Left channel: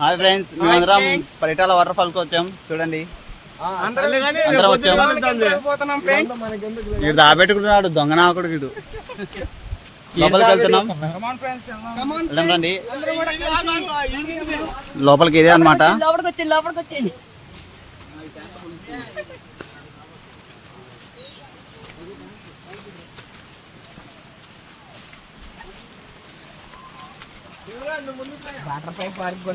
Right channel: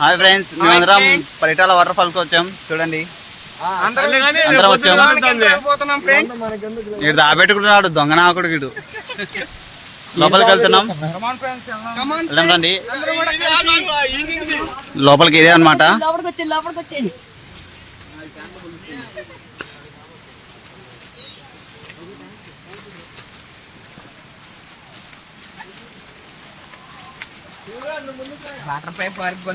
Hi friends, మేమందరం Paritala water fall కి వచ్చాం. చూడండి ఇటు దాబెట్టుకుంటున్నాడు దొంగ నాకుడు గిడు. లోపలికి వెళ్తున్నాం, రండి. లోపలికి ఇదే అనమాట. వాటర్ పైప్ వరకు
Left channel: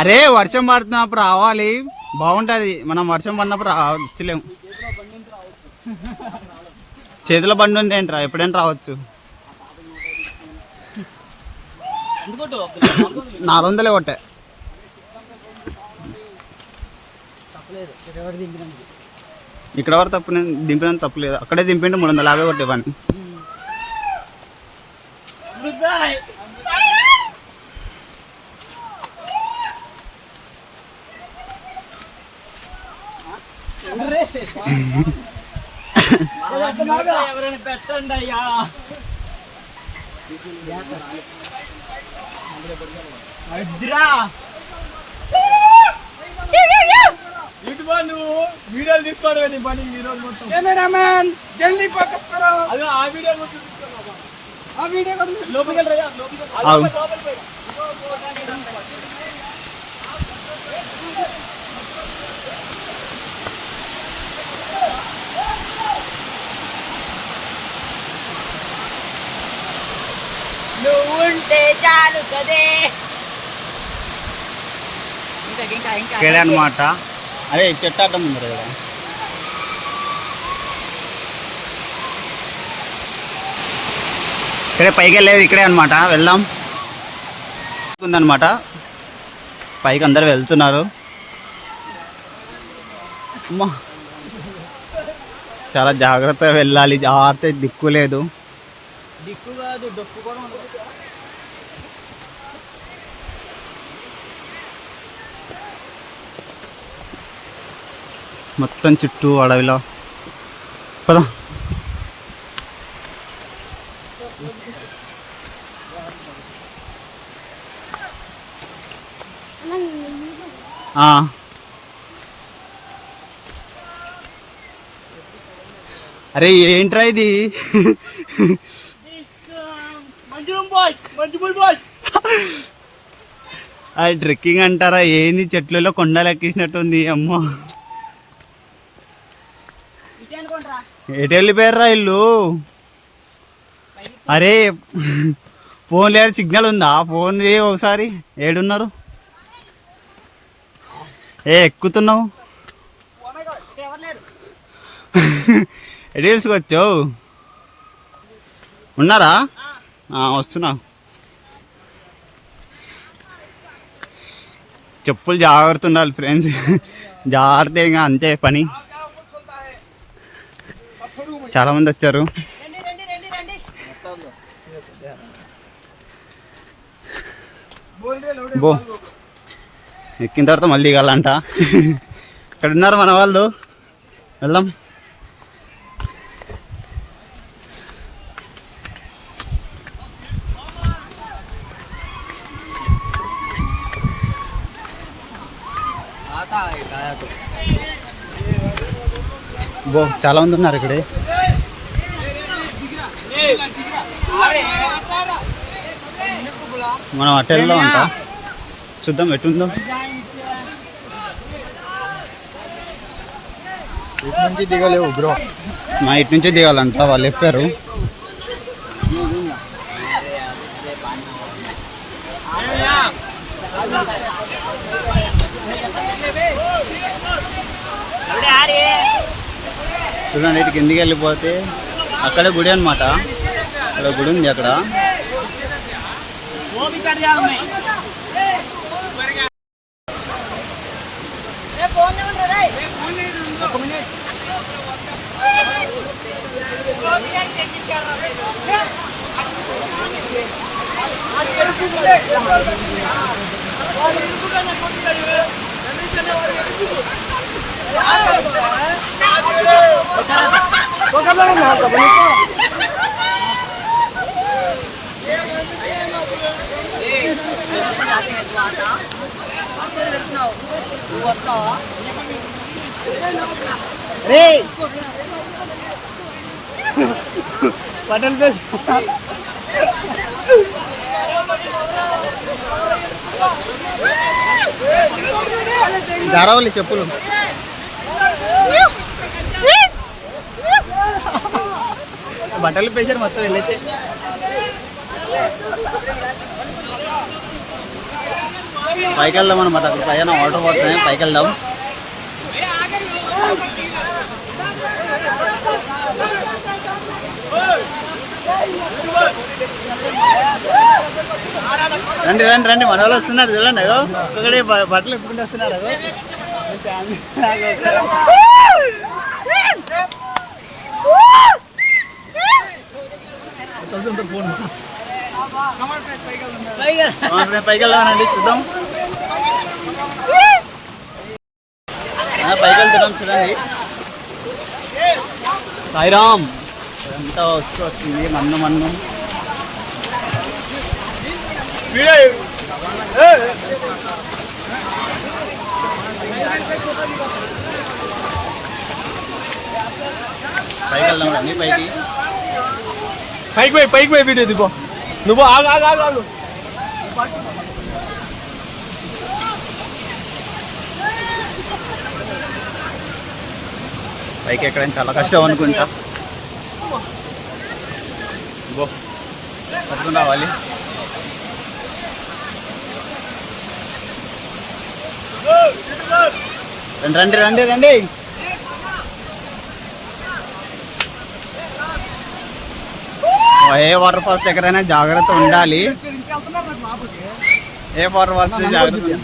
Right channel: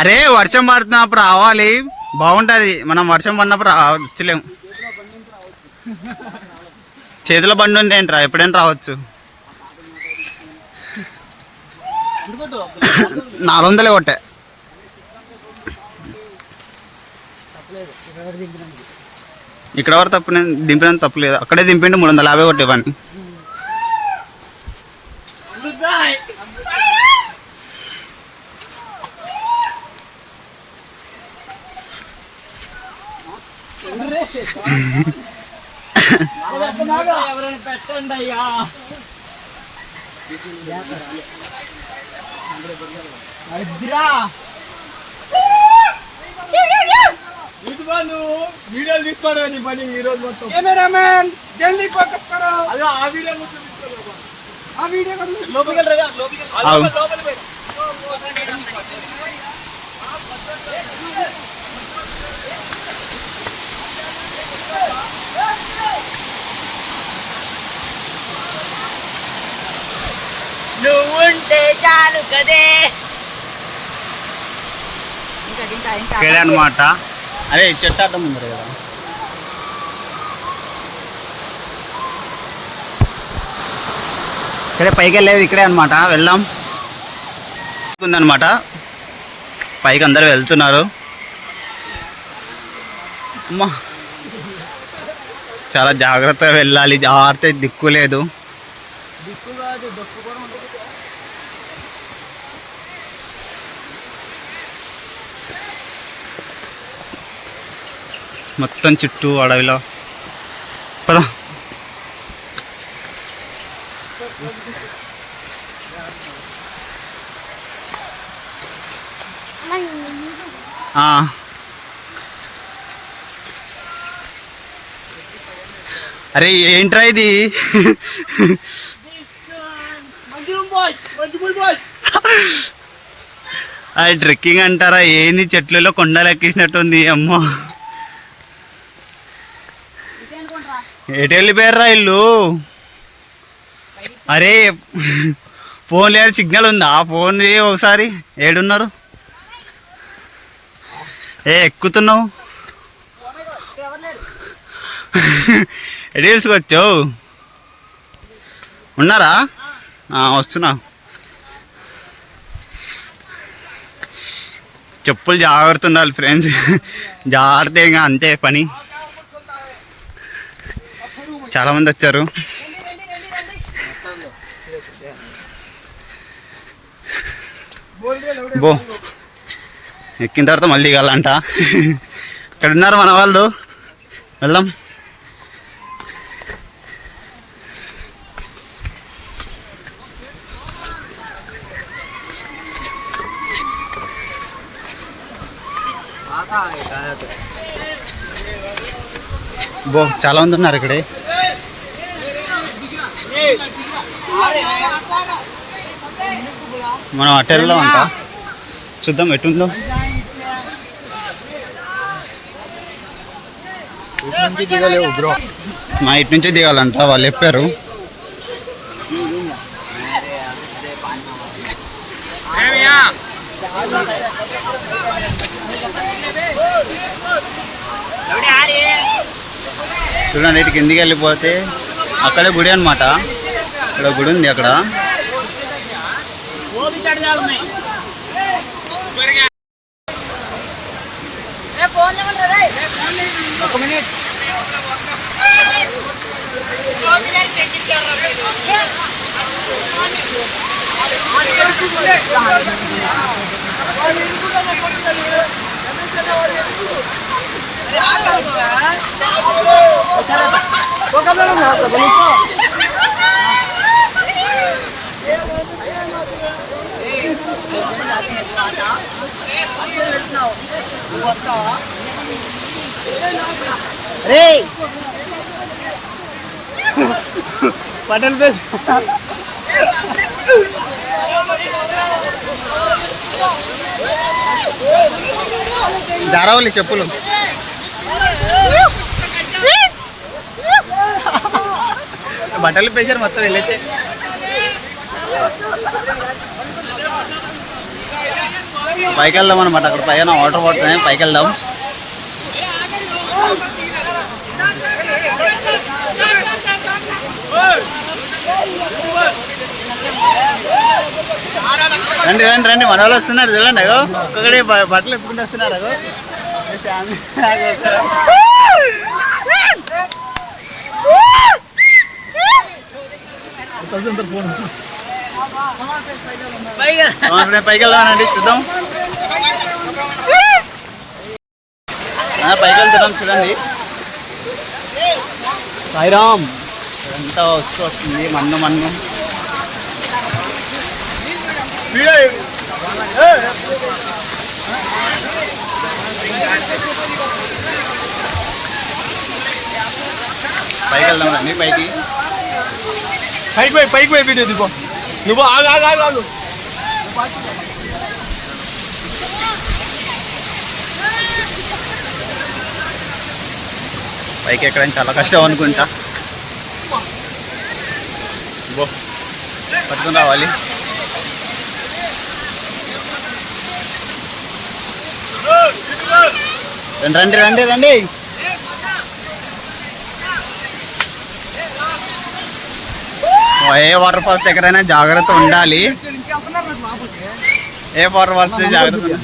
అరే వర్షం పడుతున్నప్పుడు రావాలి, బాగుంటది. మనం వర్షం పడినప్పుడు వచ్చలేము. చేతిలో బండి ఉంటే ఏంట్రా, ఎప్పుడైనా రావచ్చు. 400 కొట్టే. ఇక్కడ వరకు తప్పు, నేను దింపినంత తప్పు లేదు. అక్కడే దింపిండి 350 కొట్టేవాడిని. పెట్టండి అయ్యా. వీడియోలు తీసుకోవడం నీ పని ఈ రోజు మొత్తం. కెమెరామెన్ జల్దీ ఫోకస్ కరో. అదే ఆ వీడియో మొత్తం తీసుకోవాలి. ఆ వీడియో లోపలికి వెళ్ళరా, లోపలికి నువ్వుంటే చాలు కదే. ఇక్కడే అనమాట. అదే చెట్టు అడ్డం ఉంది కదా. ఇక్కడే పైకి వెళ్ళేది ఇక్కడే అనమాట. వెళ్దాం ఉందన్నమాట. పైకి అందరు వెళ్తున్నారు. అమ్మా చాలా జాగ్రత్తగా వెళ్ళాలి, జాగ్రత్త. దిక్కు లేదు. మొత్తం చుట్టూ అడవిలో. పద. అరే ఏంట్రా ఇది? అది ట్రెక్కింగ్ అంటారా ఏంది? చెట్లలో కొండలు ఎక్కించినట్టుంది. అమ్మో ఎటు వెళ్ళిపోయారా ఇల్లు? అరే ఫోన్ లేదు, సిగ్నల్ ఉందా? ఫోన్ ఒకసారి ఏడున్నారు? ఎక్కుతున్నావు ఎటు తెలుసుకొచ్చావు? ఉన్నారా? వస్తున్నా. చెప్పులు జాగ్రత్త ఉండాలి ఫ్రెండ్స్. జాగ్రత్త ఇంకా అంతే పని. చాలా మంది వచ్చారు. బో ఎక్కిన తర్వాత మళ్ళీ దిగాలంట. ఇక్కడ ఉన్నారు మన వాళ్ళు. వెళ్దాం. బో చాలా మంది ఉన్నారు ఇక్కడే. మనం అటు వెళ్దాం అంట. చూద్దాం ఎటుందో. ఇటు నుంచి దిగలేవు బ్రో. మా ఇటు నుంచే దిగాలంట వాళ్ళు చెప్పారు. చూడండి ఇటు కిందికి వెళ్ళిపోతే అక్కడే గుడి అనమాట. ఇక్కడ గుడి ఉంది అక్కడ. अरे पटल पे దారావళి చెప్పులు బట్టలు పేసారు మొత్తం వెళ్ళైతే పైకి వెళ్దాం అనమాట. అక్కడ పైన వాటర్ పడుతున్నాయి, పైకి వెళ్దాం. రండి రండి రండి, మన వాళ్ళు వస్తున్నారు చూడండి. అగో ఒక్కొక్కడే బట్టలు ఎప్పుకుంటూ వస్తున్నారు. అగో ఫ్యామిలీ పైకి వెళ్దామనండి, చూద్దాం. పైకి వెళ్తున్నాం చూడండి. సాయిరామ్ ఎంత వస్తూ వచ్చింది మన్ను మన్ను. పైకి వెళ్దాం రండి. పైకి పోయి వీడియో దిగో. నువ్వు ఆగు. పైకి ఎక్కడానికి చాలా కష్టం అనుకుంటా. పట్టుకుని రావాలి. రండి రండి రండి. ఏ వాటర్ ఫాల్స్ దగ్గరైనా జాగ్రత్త ఉండాలి. ఏ వాటర్ ఫాల్స్ జాగ్రత్త ఉండాలి.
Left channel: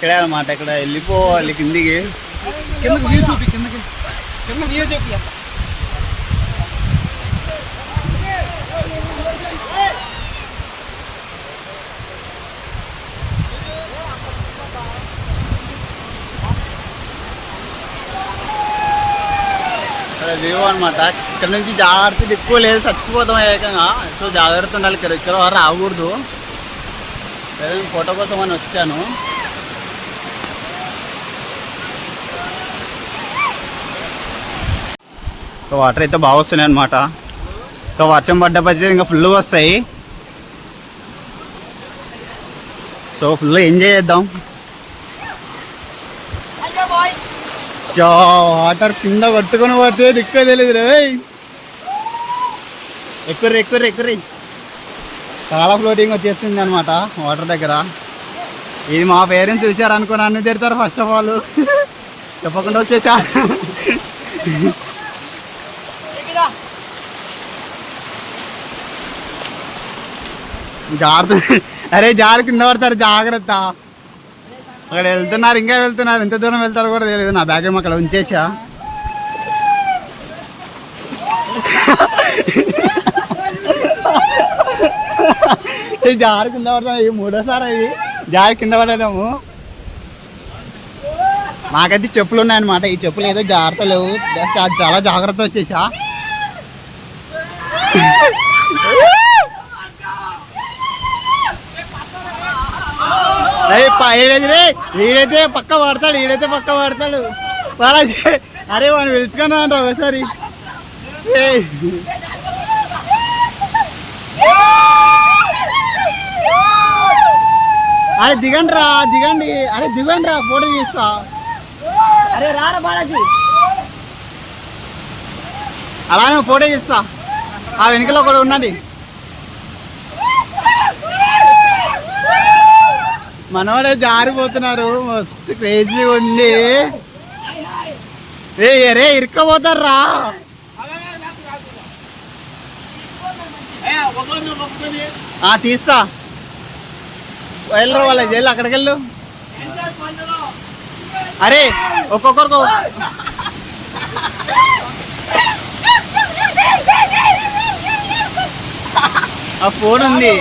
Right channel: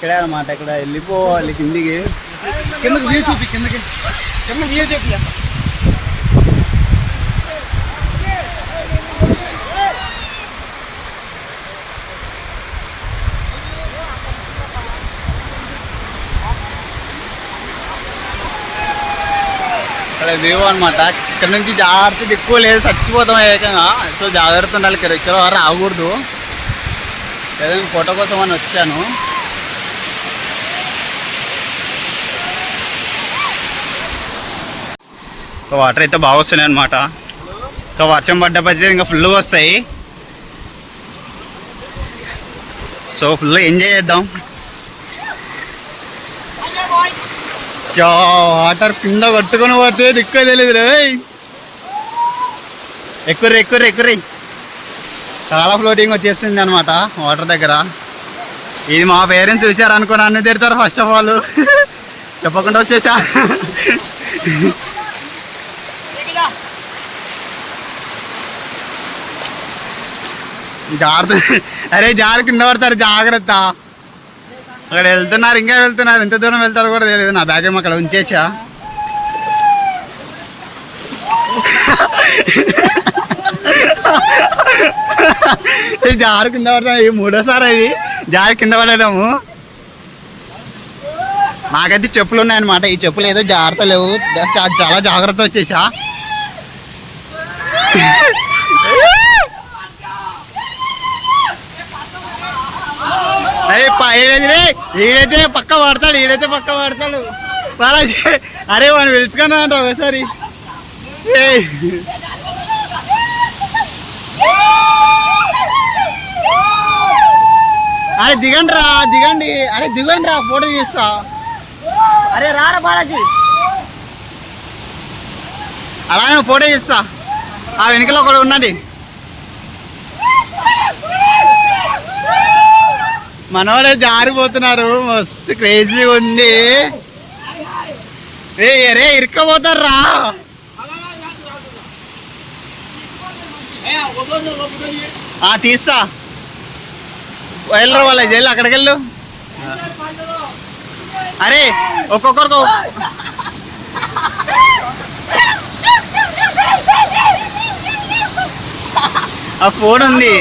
ఇక్కడ అన్నమాట, ఇక్కడ వెళ్ళిపోవాలి కిందికి. కిందకి వ్యూ చూపి, కిందకి వ్యూ చూపి. ఇక్కడ వ్యూ అనమాట. ఇక్కడ నుంచి జాగ్రత్త ఎక్కువ లేదు, చచ్చిపోతాం ఏకంగా. సో జాగ్రత్త ఉండాలి. ఇక్కడ రాకూడదు. ఏదైనా ఫోటో కోసం అని వచ్చాను. వాటర్ అయితే బాగా వస్తున్నాయి అనమాట. సో వర్షం పడ్డప్పుడు ఇంకా ఫుల్గా వస్తాయి. సో ఫుల్ ఎంజాయ్ చేద్దాం. వాటర్ కింద కొట్టుకొని పోతే దిక్కు తెలియదు రే. ఎక్కుర్రి. చాలా ఫ్లోటింగ్ వచ్చేసింది అనమాట వాటర్ దగ్గర. ఇది మా పేరెంట్స్ చూసారనుకో నన్ను తిడతారు ఫస్ట్ ఆఫ్ ఆల్. చెప్పకుండా వచ్చేసా. జాగ్రత్త. అరే జాగ్రత్త, కింద పడతారు, జాగ్రత్త. అక్కడ వెళ్తున్నారు, ఇంకా వెళ్తున్నారు. ఎంత దూరం వెళ్తారో కూడా తెలియదు. నా బ్యాగ్ ఏమో అక్కడ ఉంచేసా. జారు కింద పడతాం. ఇది మూడోసారి ఇది జారు కింద పడము. నాకైతే చెప్పులు ఉన్నాయన్నమాట. ఈ చెప్పులు ఏదో జాగ్రత్త లేవు, చాలా జాగ్రత్త వచ్చేసా. ఈడైతే పక్క పడతాడు, అరే వాడిని పిలుచుకున్నా అంట ఒకసారి. అరే దిగండి రా, దిగండి. అరే దిగండి రా, ఫోటో తీస్తా. అరే రారా బాలాజీ, అలానే ఫోటో తీస్తా. ఆ వెనుకలో ఒకడు ఉన్నది. మనోడే జారిపోతున్నారు, మస్తు క్రేజీ ఉంది. రే ఇరుక్కపోతారా. తీస్తా వెళ్ళరా వాళ్ళ జైలు అక్కడికి వెళ్ళు. అరే ఒక్కొక్కరికి ఆ ఫోన్ ఉంది,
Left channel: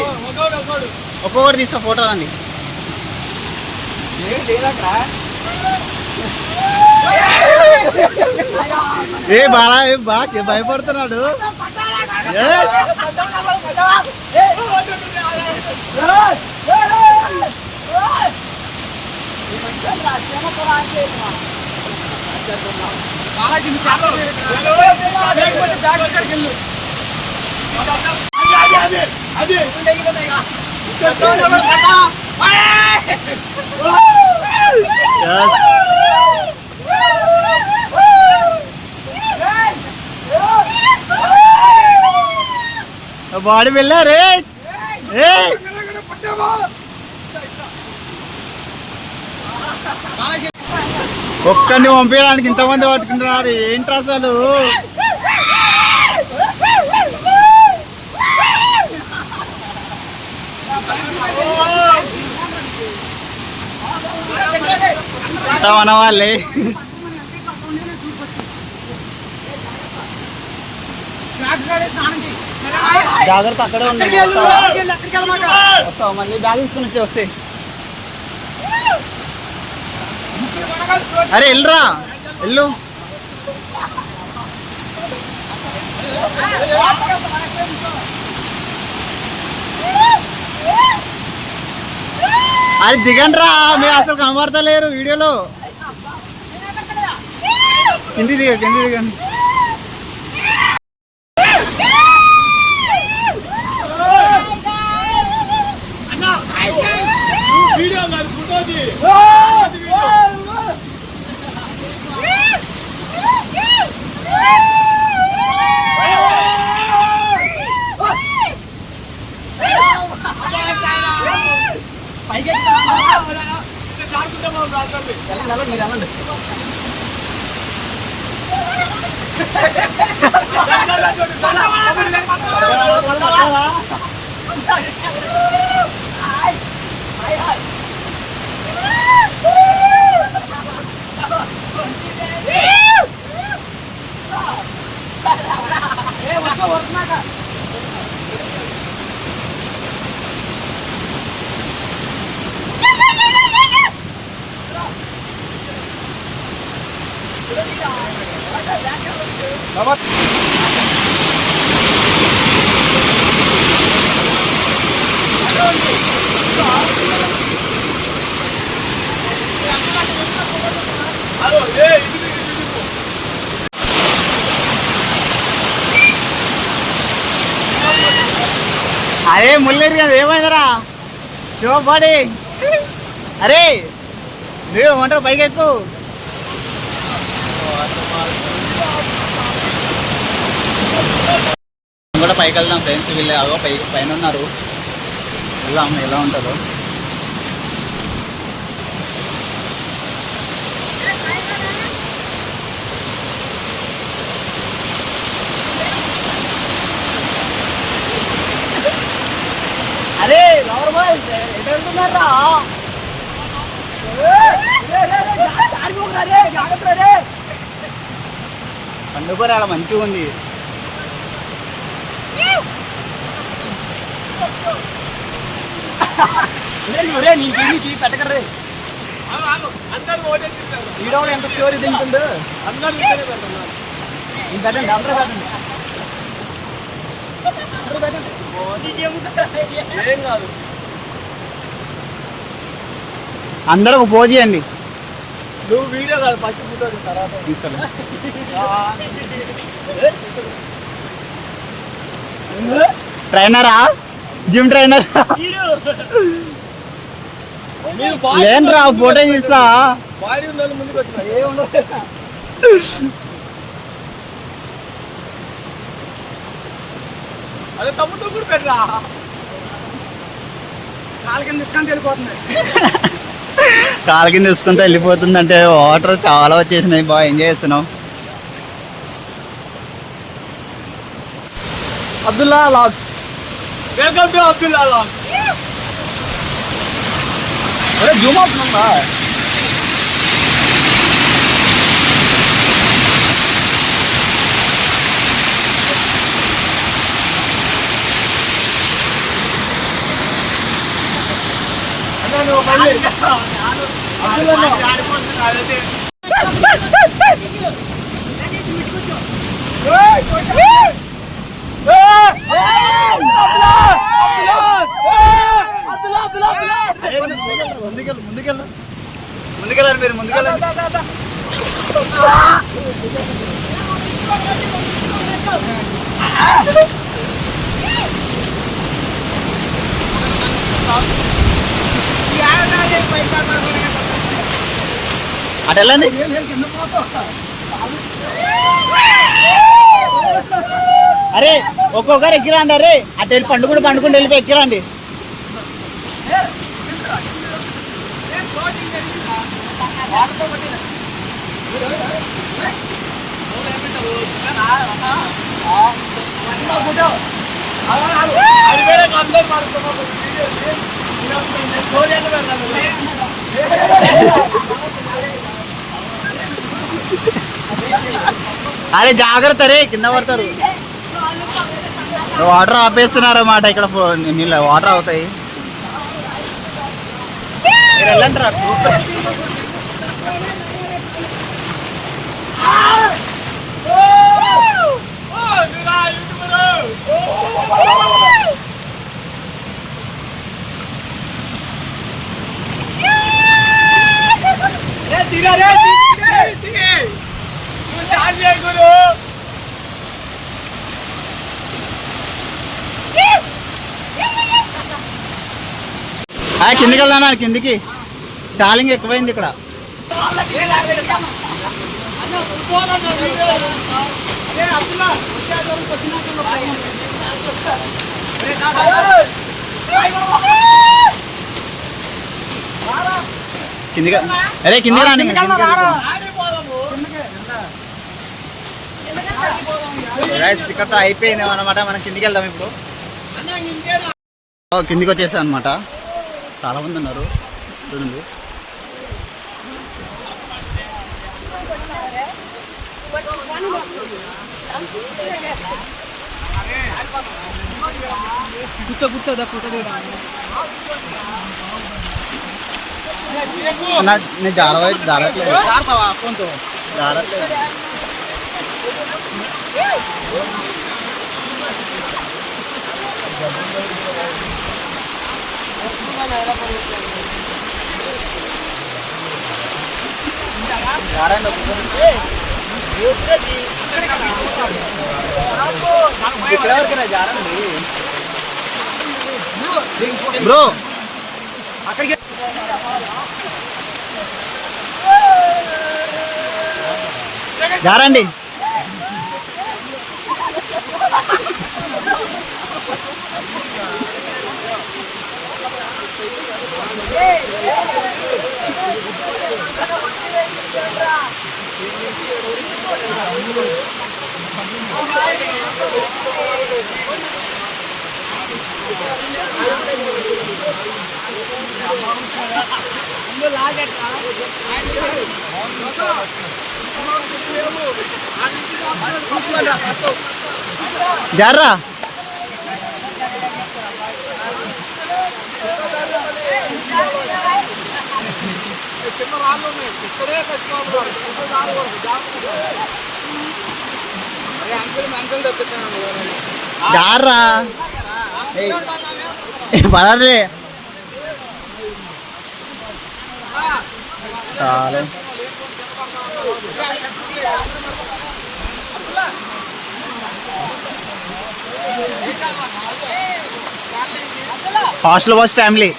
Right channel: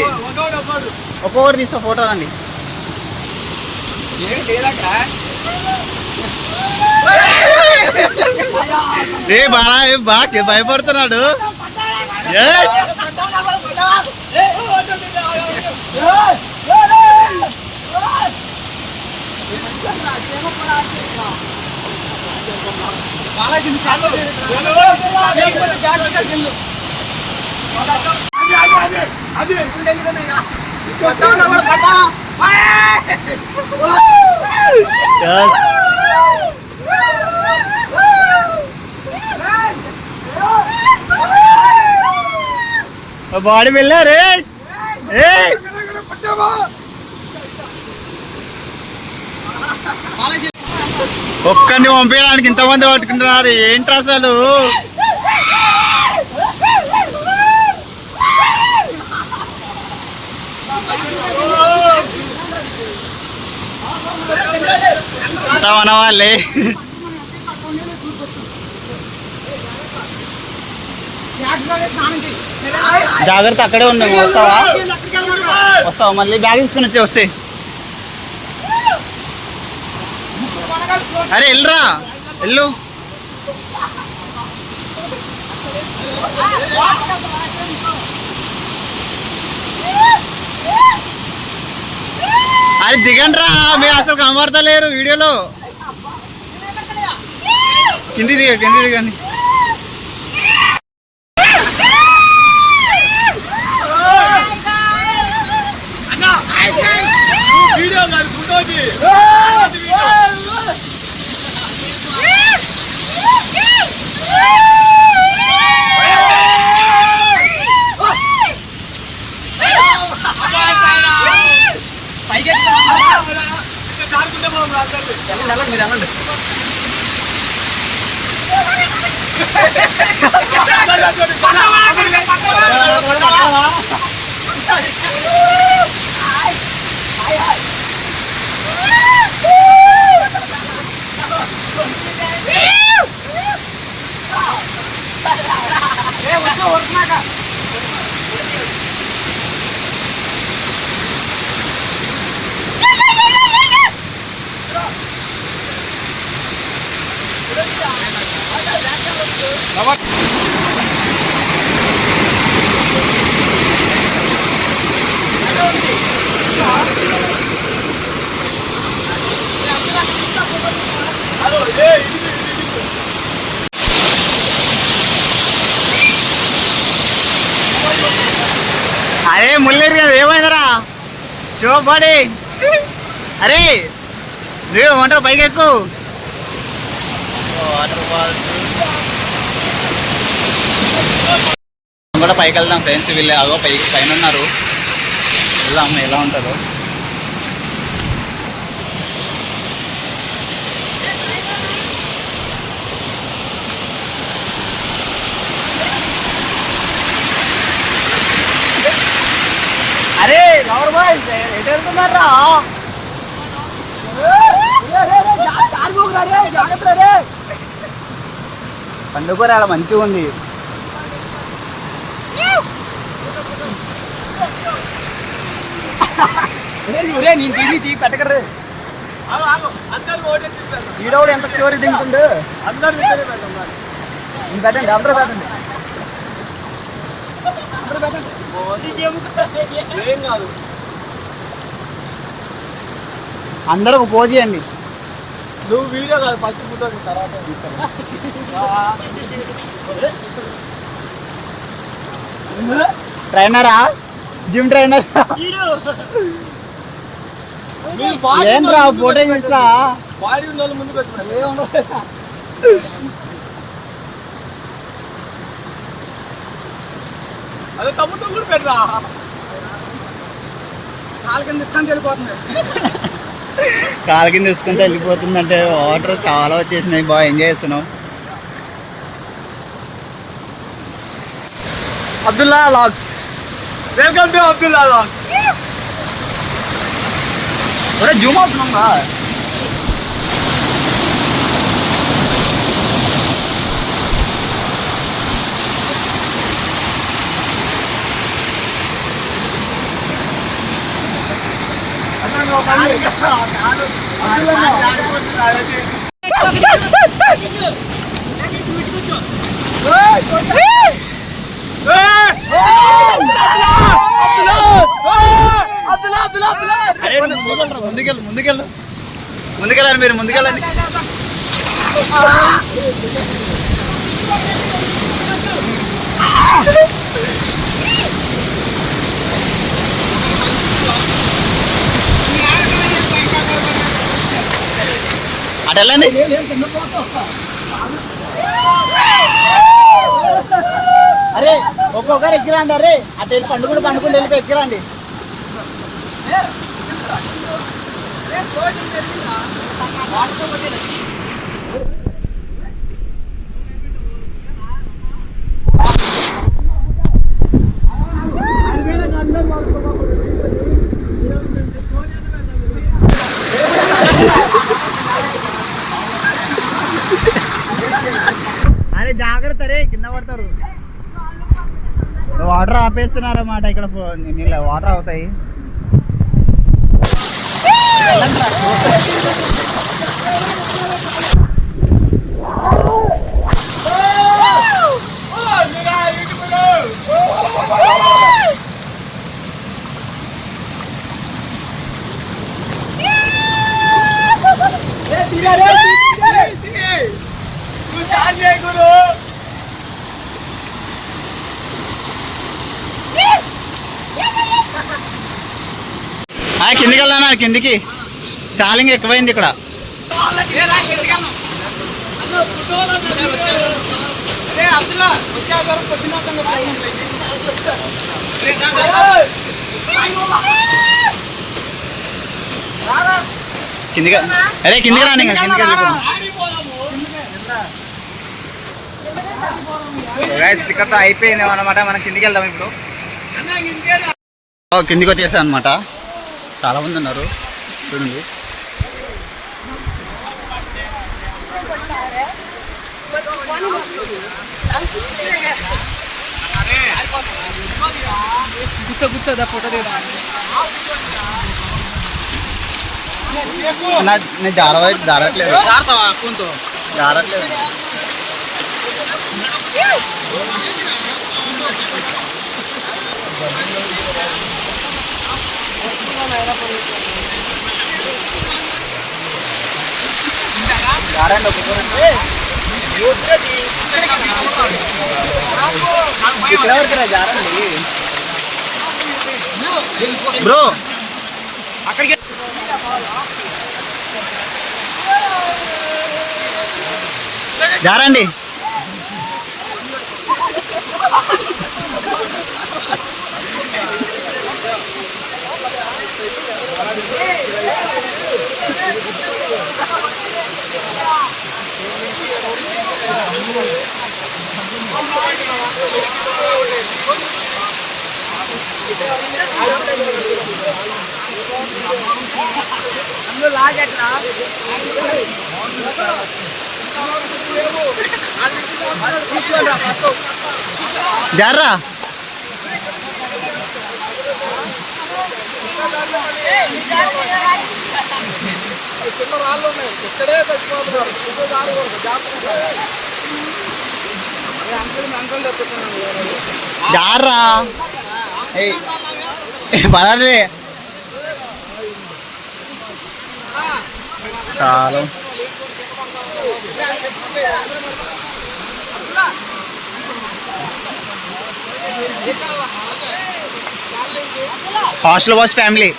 ఒక్కొక్కరు తీస్తా ఫోటో అండి. బాగా భయపడుతున్నాడు. బాడీ వెళ్ళారే. ఒక్కడిని పంపించడానికి ఇంతమంది పట్టుకుంటున్నారు ఏంటి అసలు. మన వాళ్ళే జాగ్రత్త అక్కడే ఉన్నాయి. వస్తావా మళ్ళీ బ్యాగ్ తీసుకుని వస్తే. అరే వెళ్ళరా వెళ్ళు. అది దిగండి రా, మీరు అసలు కనబడతలేరు వీడియోలో. కింది దిగండి. అరే ముల్లేరు కదా ఏమైందరా శివపాడి. అరే నువ్వు ఏమంటారు పైకి ఎక్కువ. కూడా పైకి వెళ్దాం ఫ్రెండ్స్. వీళ్ళు అగో పైన ఉన్నారు, వెళ్దాం ఎలా ఉంటుందో. అరే లవర్ బాయ్ ఎటు వెళ్తున్నారా? పండుగ అలా మంచిగా ఉంది. కట్టకర్రే ఎంత స్టోరీ తింటుండే పెట్టండి. అందరూ పెట్టండి. ఏం కాదు, అందరూ పోజీ అండి. నువ్వు వీడియో కాదు ఫస్ట్ ఫోటో తర్వాత ట్రైనరా, జిమ్ ట్రైనర్ ఏంట్రా ఫోటో తీస్తా. బాడీ ఉన్న ముందుకు వచ్చిన అదే తమ్ముడు కూడా పెట్టరా. కాలు కింద తీసుకుంటే వెళ్ళిపోతుంది. కాలు కింద తీసుకుంటే వెళ్ళిపోతుంది అంటే వాటర్ చాలా వచ్చేసినాయి. బాగా ఎంజాయ్ చేస్తున్నాం. Abdullah vlogs. Welcome to Abdullah vlogs. ఒరే జూమ్ అవుతుందా? ముందుకెళ్ళండి మీరు ముందుకెళ్ళండి. అటు వెళ్ళండి. అరే ఒక్కొక్కరు ఎక్కిరండి. అరే అటు వెళ్ళి పండుకుంటూ వెళ్ళిపోయి ఎక్కిరండి. అరే జాగ్రత్త రే, కింద పడతారు. వాటర్ ఆపేస్తున్నారు అన్నమాట. ఇక్కడ నీళ్ళ వాటర్ అవుతాయి. కిందికి వెళ్దాం. కిందికి చాలింగ్ ఎక్కువైంది ఇక్కడ. కిందికి అరే కిందికి రాని. కిందికి వెళ్ళిపోతాం. ఇక్కడతో అయిపోయింది అనమాట. మనం కిందికి వెళ్దాం ఇప్పుడు. కిందికి వచ్చేసాం అనమాట. చాలా మంది ఉన్నారు చూడండి. కూర్చోదా ఫోటో నేను జారట్లేదు. బ్రో అక్కడికి జారండి. జారా జారా పడాలి. చాలా హాస్టల్ బాయ్స్ ఫ్యామిలీ.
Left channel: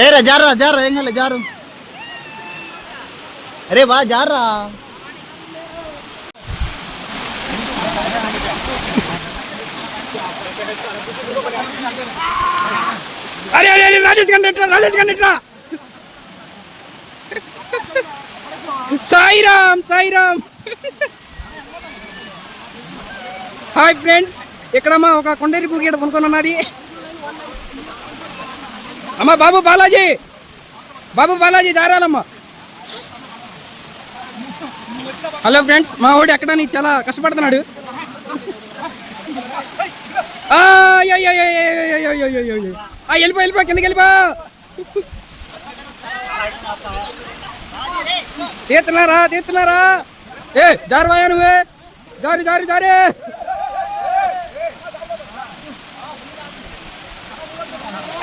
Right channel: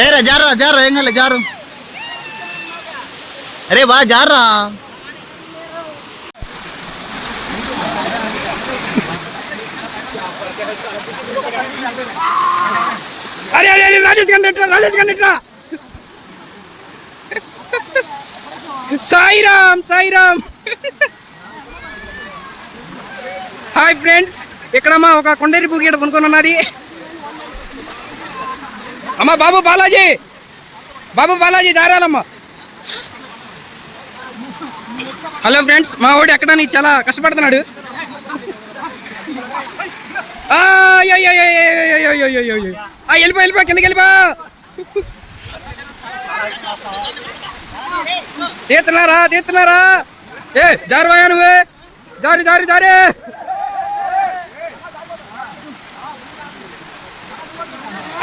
ఏ రా జారా జారా ఏం కాలే జారు అరే బా జారా అరే అరే అరే Rajesh conductor Sairam hi friends, ఇక్కడ మా ఒక కొండేరి పూకి కొనుక్కొని ఉన్నది. అమ్మ బాబు బాలాజీ దారాలమ్మా. హలో ఫ్రెండ్స్, మా వాడు ఎక్కడానికి చాలా కష్టపడుతున్నాడు. వెళ్ళిపో కిందకి వెళ్ళిపో. తీస్తున్నారా ఏ జారువాయా నువ్వే జారు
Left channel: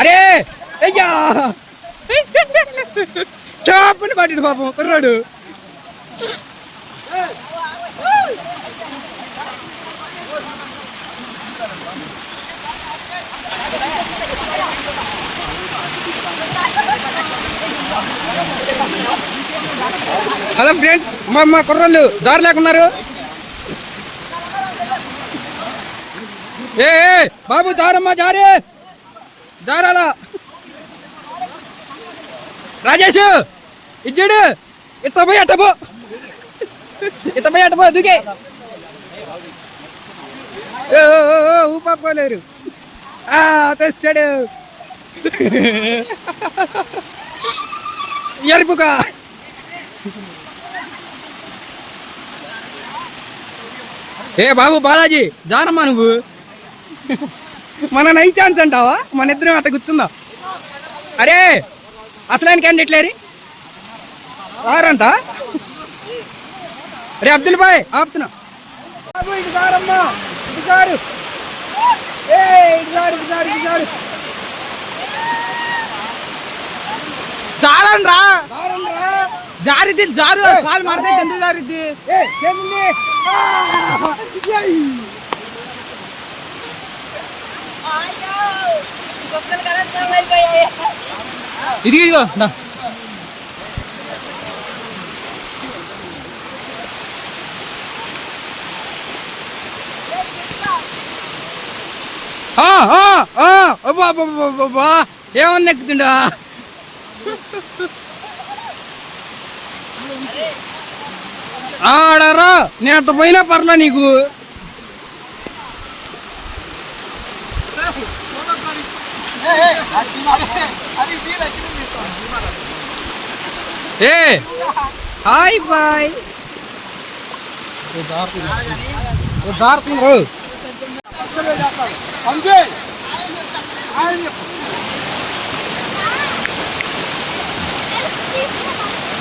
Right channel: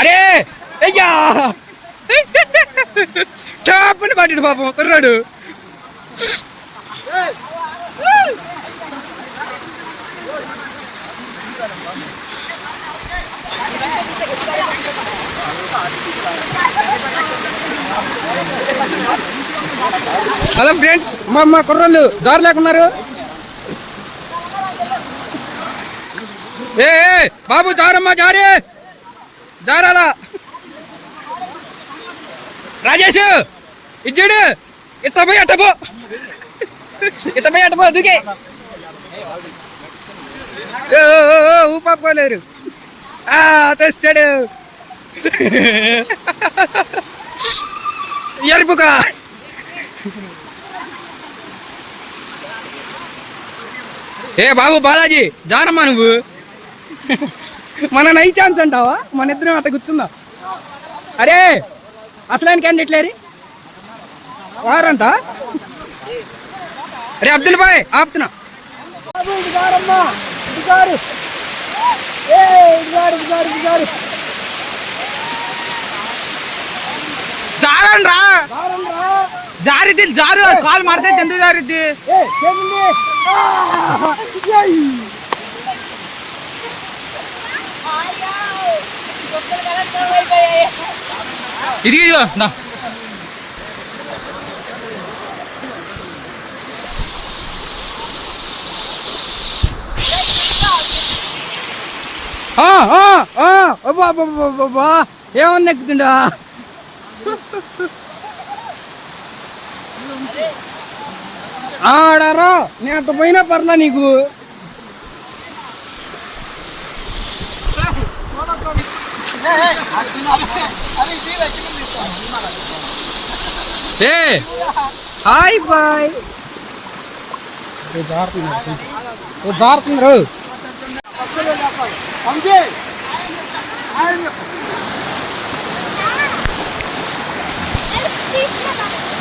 అరే అయ్యా చాపని పట్టిడు పాపం కుర్రాడు. హలో ఫ్రెండ్స్, మా కుర్రోళ్ళు జారు లేకున్నారు. ఏ బాబు జారమ్మా జారాలా. రాజేష్ ఇచ్చాడు ఇట్ట పోయి అట్టపో దుకే ఊపాకోలేరు. తెస్తాడు ఎరుపుగా. ఏ బాబు బాలాజీ జానమ్మా నువ్వు. మన నై ఛాన్స్ అంటావా? మన ఇద్దరం అట్ట కూర్చుందా. అరే అసలు క్యాండిడేట్లేరి వారంట. అరే అబ్దుల్ బాయ్ ఆపుతున్నా. జారండ్రా జారిద్ది జారు కాలు మాడితే ఎందుకు జారిద్ది. ఇదిగో ఏమన్నా ఎక్కుతుండా. ఆడరా నేను అట్ట పోయినా పర్లా నీకు. ఏ హాయ్ బాయ్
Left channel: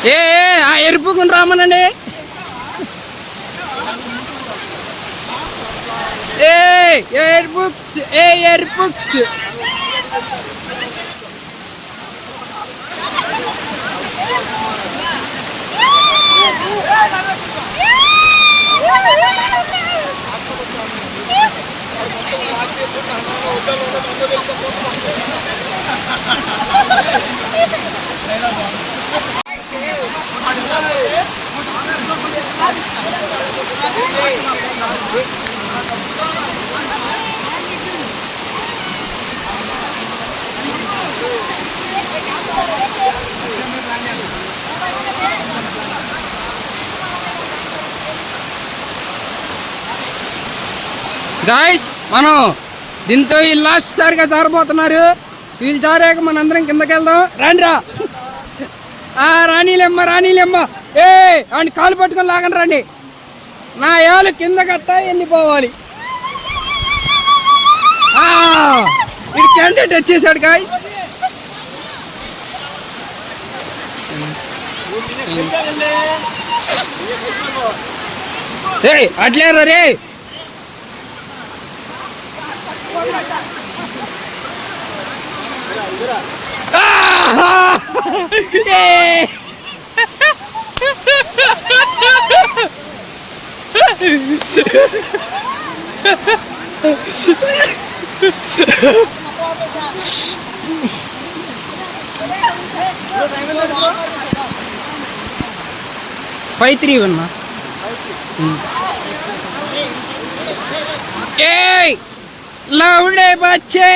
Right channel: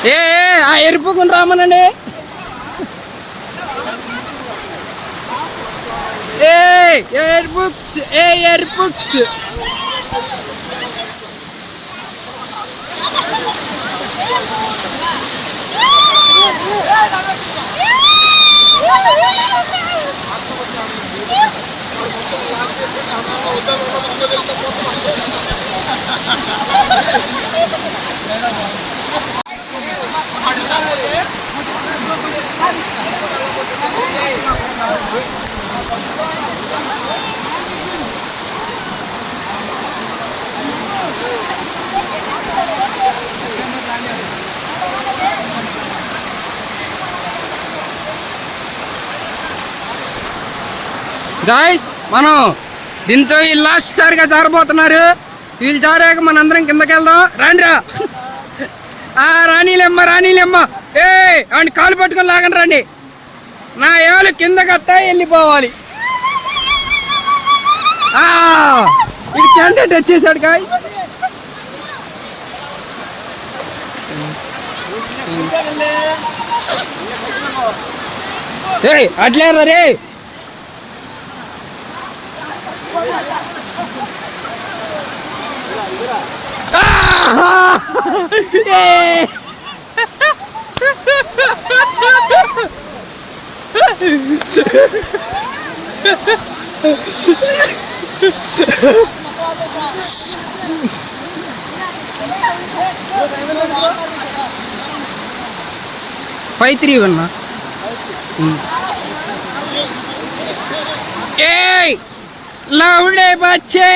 ఏ ఆ ఎరుపుకుని రామనండి. ఎయిర్బుక్స్ ఎయిర్బుక్స్ గాయస్ మనం దీంతో ఈ లాస్ట్ సారిగా జారబోతున్నారు. వీళ్ళు జారాక మనందరం కిందకి వెళ్దాం. రాండిరా రాణీలమ్మ ఏ అని కాలు పట్టుకొని లాగండి రండి. నా ఏళ్ళు కింద కట్ట వెళ్ళిపోవాలి. ఇది క్యాండిడేట్ వచ్చేసాడు గాయస్. అట్లేరా రే. ఫైవ్ త్రీ వన్ లౌడే బచ్చే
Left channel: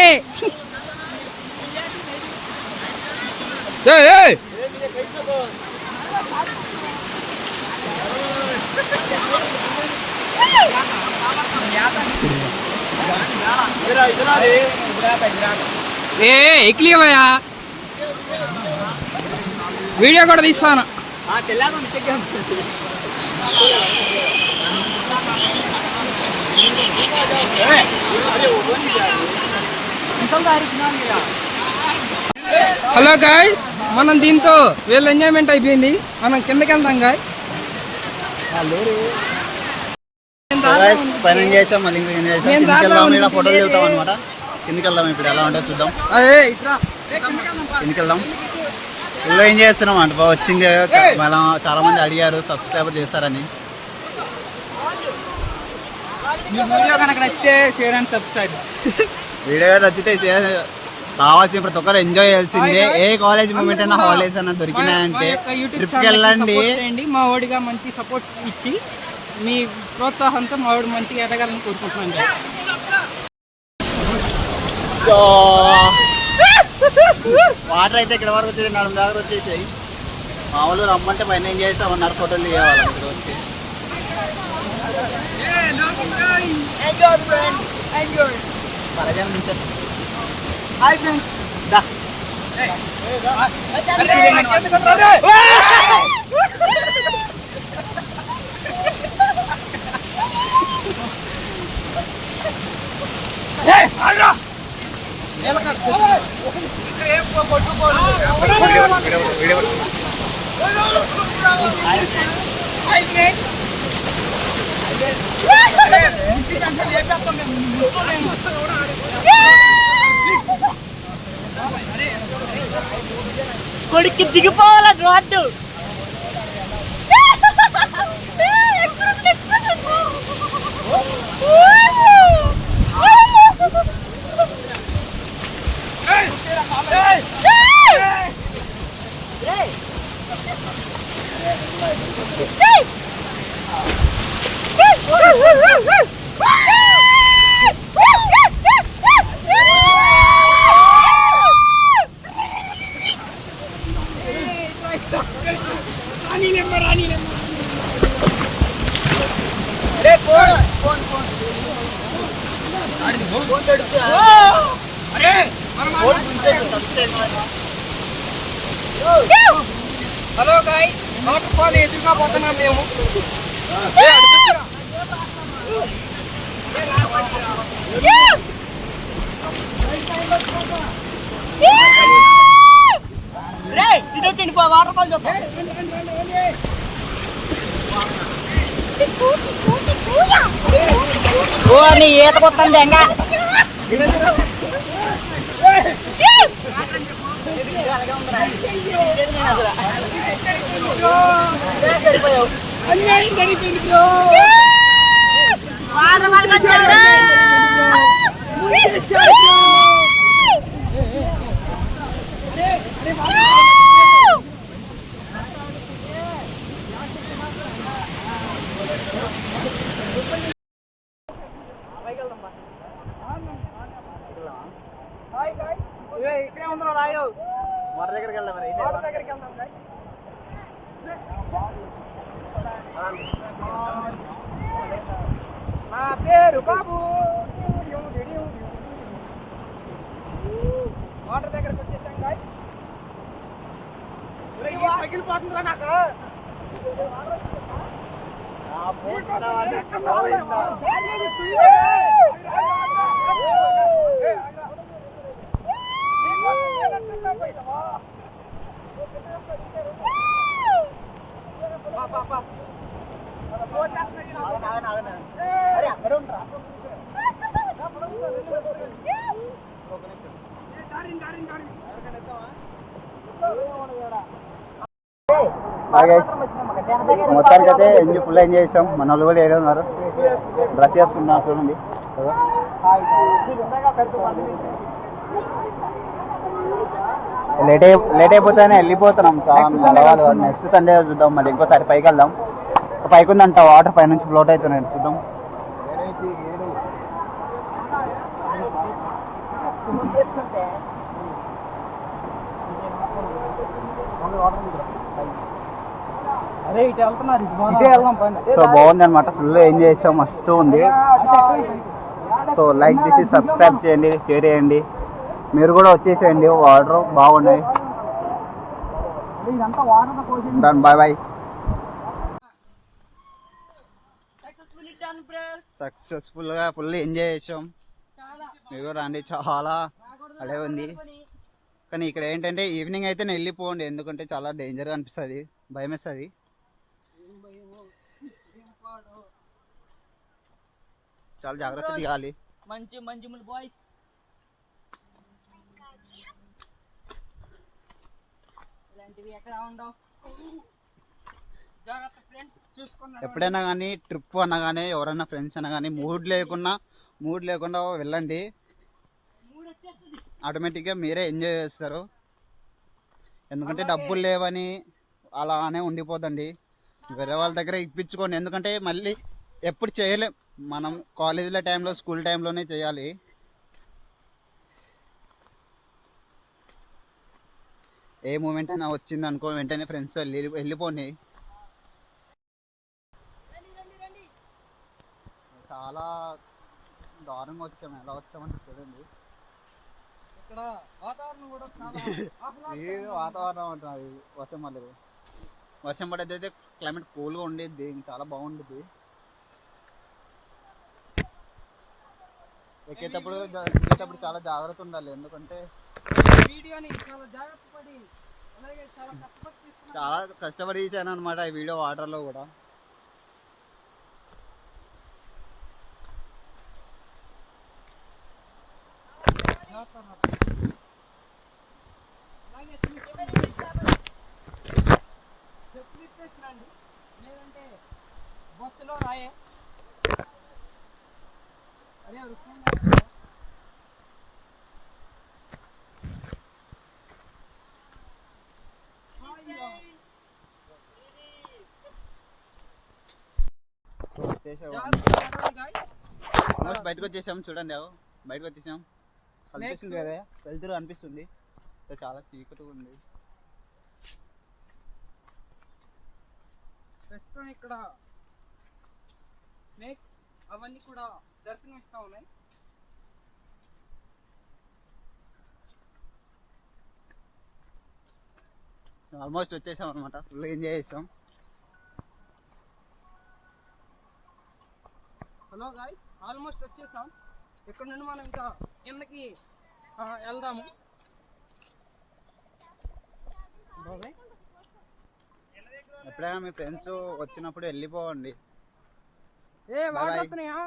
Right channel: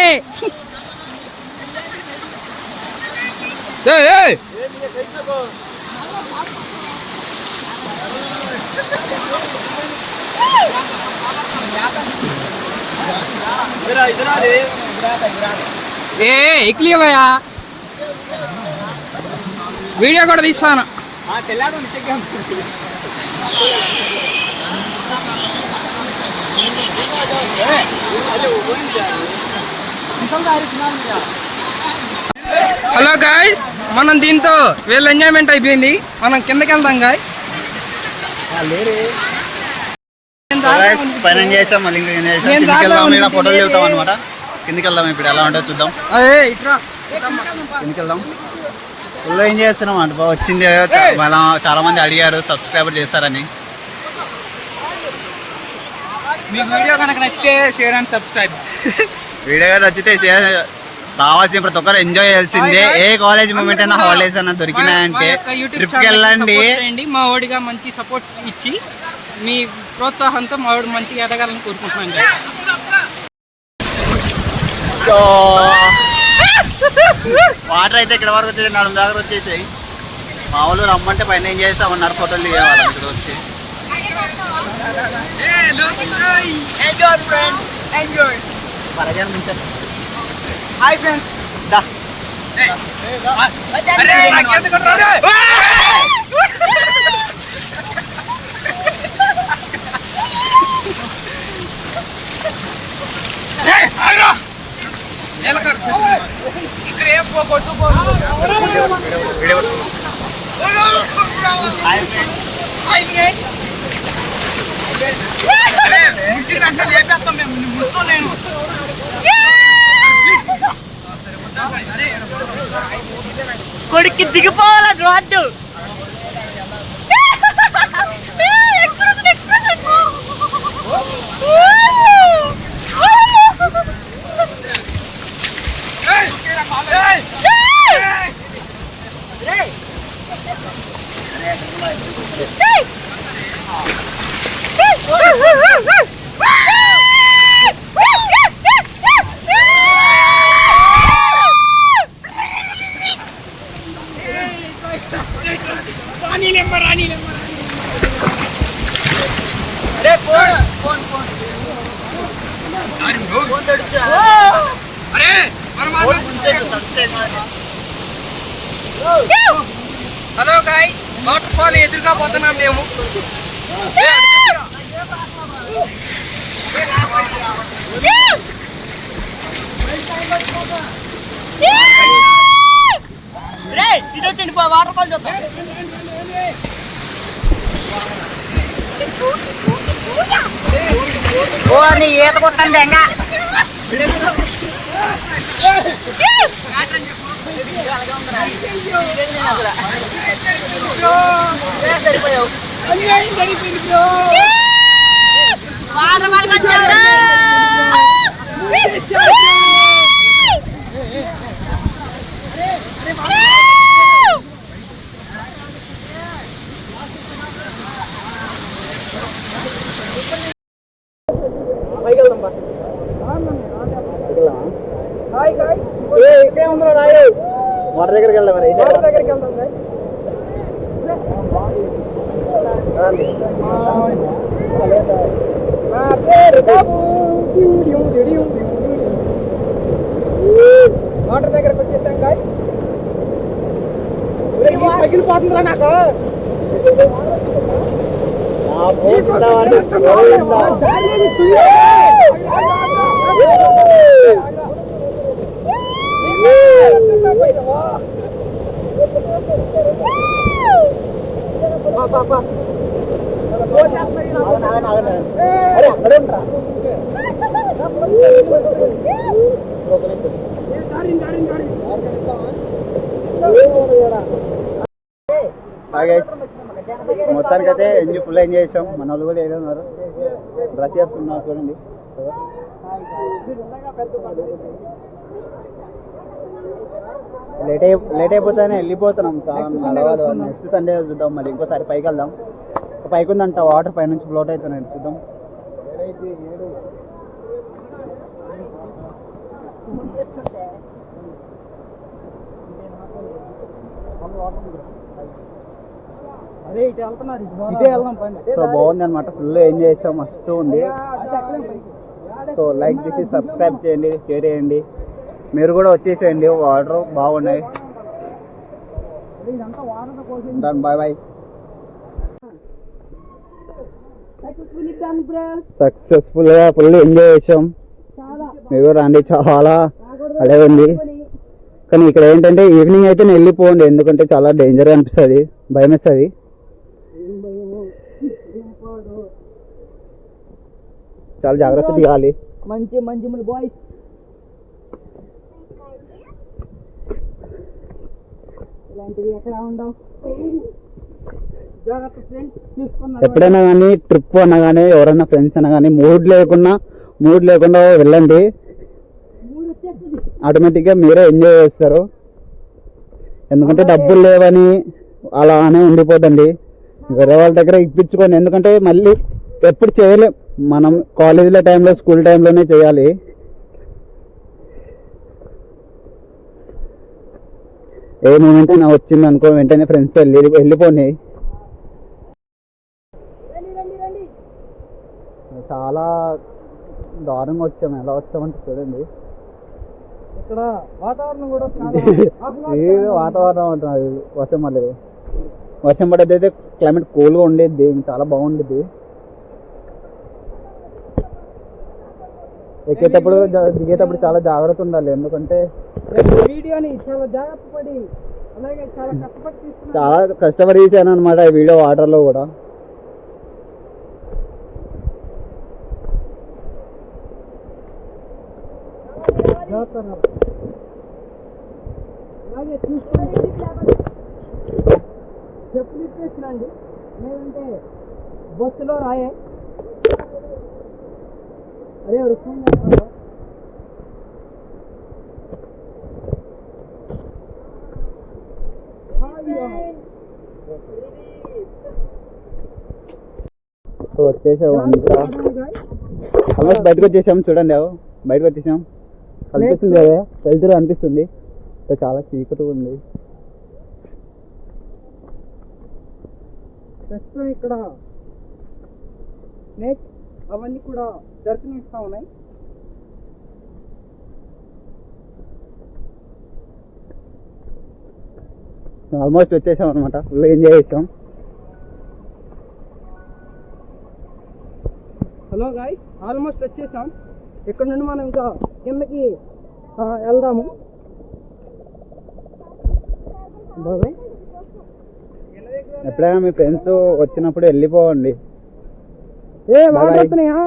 ఎక్లియ భయ్యా వీడియో కూడా తీస్తాను హలో గాయ్స్, మనం దీంతో వీళ్ళ ఎంజాయ్మెంట్ అయిపోయింది, మనం కిందకి వెళ్దాం గాయ్స్. పైన చేసాం, మళ్ళీ ఇంకా కిందకి వెళ్దాం. ఇలా ఫోటోలు దిగుతాం అనమాట. కిందకి వెళ్దాం, ఇప్పుడు ఎలా ఉంటుందో చూద్దాం. కిందకి వెళ్దాం. ఫుల్ ఏం చేస్తున్నాం అంట, వచ్చింది చాలా మంది అడిగారు సబ్స్క్రైబర్ చేస్తారని. మీకు వీడియో కనుక నచ్చితే షేర్ అండ్ సబ్స్క్రైబ్. వీడియో నచ్చితే రావాల్సిన ప్రతి ఒక్కరు ఎంజాయ్ చేయాల్సిందే. ఏ కాలేజ్ మూమెంట్ అయినా హాలిడేస్ అన్న దొరికినాయంటే ట్రిప్కి వెళ్ళండి. మా ఓడిగా మంచి సపోర్ట్ ఇచ్చి మీ ప్రోత్సాహంతో మా వాడు మంచిగా ఎదగాలని కోరుకుంటున్నాను. సో వాటర్ అయితే ఇక్కడ వరకు వచ్చేసి నడుము దగ్గర వచ్చేసాయి. మా వాళ్ళు రమ్మంటే పైన ఏం చేస్తామన్నారు, ఫోటోలు దిగేవాళ్ళం ఇక్కడ వచ్చి. Enjoy friends, enjoy. Hi friends. కొడుక్కి దిగిపోవాలా వద్దు. హలో గాయ్స్, వాటర్ ఫాల్ ఎదురుగా పోతున్నాం మేము. ఇదొచ్చింది వాటర్ ఫాల్ చూద్దాం. ఓ నీ ఈత కొట్టండి ఎంగా. సరిపోయావు. అన్యాయం జరిగిపోయింది బ్రో. వాటర్ దగ్గరికి వెళ్దాం. వాటర్ దగ్గరకు వచ్చేసాం గాయ్స్. పగిలిపోతుందిరా నాకు. అక్కడే ఉంటారా? Hey! మొత్తానికి అయితే ఫుల్ ఎంజాయ్ చేసాం. మన వాళ్ళు కూడా ఏదో ఉన్నారు, డ్రెస్ చేసుకున్నారు చూడండి. లేట్ అయిపోతేనే వెళ్ళిపోతున్నాం. చాలా నెక్స్ట్ సండే చూద్దాం. మళ్ళీ ఇంకోసారి పైకి వెళ్దాం. పైకి ఉందంట వాటర్, పైనుంచి ఫ్లోట్ అవుతున్నాయి చూద్దాం. సో బాగుంది అనమాట, ఫుల్ ఎంజాయ్ చేసాం, మస్తు ఉంది. సో లైక్ చేసి సబ్స్క్రైబ్ చేయండి, షేర్ చేయండి, మీరు కూడా వచ్చేసేయండి. వాటర్ బాగున్నాయి. Bye bye. సక్సెస్ఫుల్ గా ఫుల్ ఎంజాయ్ చేసాం. మీరు రండి, చాలా అడే ఉంది. కానీ ఇక్కడ ఏంటంటే ఈవినింగ్ అయితే నేను వెళ్ళిపోండి, ఎందుకంటే చాలా డేంజర్ అనిపిస్తుంది, భయం వేస్తుంది. చాలా జాగ్రత్త తీయాలి. మంచి మంచి బాయ్స్ ఇలాంటివి ఎక్కడ ఉండవు. జాగ్రత్త ఫ్రెండ్స్, చూసుకున్నా. ఎప్పుడైనా కానీ ట్రిప్ అన్నా కానీ ఎవరైనా ఫ్రెండ్స్ అన్నా కానీ మూడ్ లేకుండా వెళ్ళండి, ఆటోమేటిక్గా మీరే ఎంజాయ్ చేస్తారు. ఎందుకంటే డబ్బులు లేవని అలానే ఉండిపోతండి, వేరే వాళ్ళ దగ్గర ఇప్పించుకోండి. ఎందుకంటే మళ్ళీ ఎప్పుడు చేయలేం, మనం కాలేజీలో టైంలో స్కూల్ టైంలోనే చేయాలి. ఏ మూమెంట్ నా వచ్చింది అనుకో వెంటనే ఫ్రెండ్స్ వెళ్ళిపోయి. చాలా దారుణంగా వచ్చాము. ఎలా వచ్చామంటే చూడండి, ఇక్కడ వాతావరణం కూడా వాతావరణం ఉంటుంది. వర్షం పడేది అయితే క్లైమేట్ కూల్గా ఉండేది, చాలా బాగుండేది. ఎక్కేటప్పుడు దిగేటప్పుడు చాలా జాగ్రత్త ఉండాలి, ఎందుకంటే చాలా కష్టపడి తీసాను అనమాట ఈ వీడియో వాటర్లో కూడా. చెప్పులు ఇప్పేసినండి, లేదంటే బస్సులో రాయే. అరే వచ్చేసాము, ఆల్మోస్ట్ బయటకు వచ్చేసాము. చూడండి, బయటకు వచ్చేసాం. అనిపిస్తుంది కదా, వెళ్తురు అనిపిస్తుంది. చాలా చీకటిగా ఉంది. ప్రస్తుతం ఇక్కడ స్నేక్స్ అవన్నీ కూడా దర్శనమిస్తా ఉన్నాయి. ఆల్మోస్ట్ వచ్చేసాం అనమాట, ఫుల్ ఎంజాయ్ చేసాం. హలో గాయ్స్, ఆల్మోస్ట్ వచ్చేసాం. ఇక్కడ నుండి మనం ఇంకా కిందకి వెళ్దాము. బాబాయ్, ఎప్పుడైనా మీ ఫ్రెండ్స్ వచ్చినప్పుడు వెళ్ళిపోవండి. వాటర్ వస్తున్నాయా?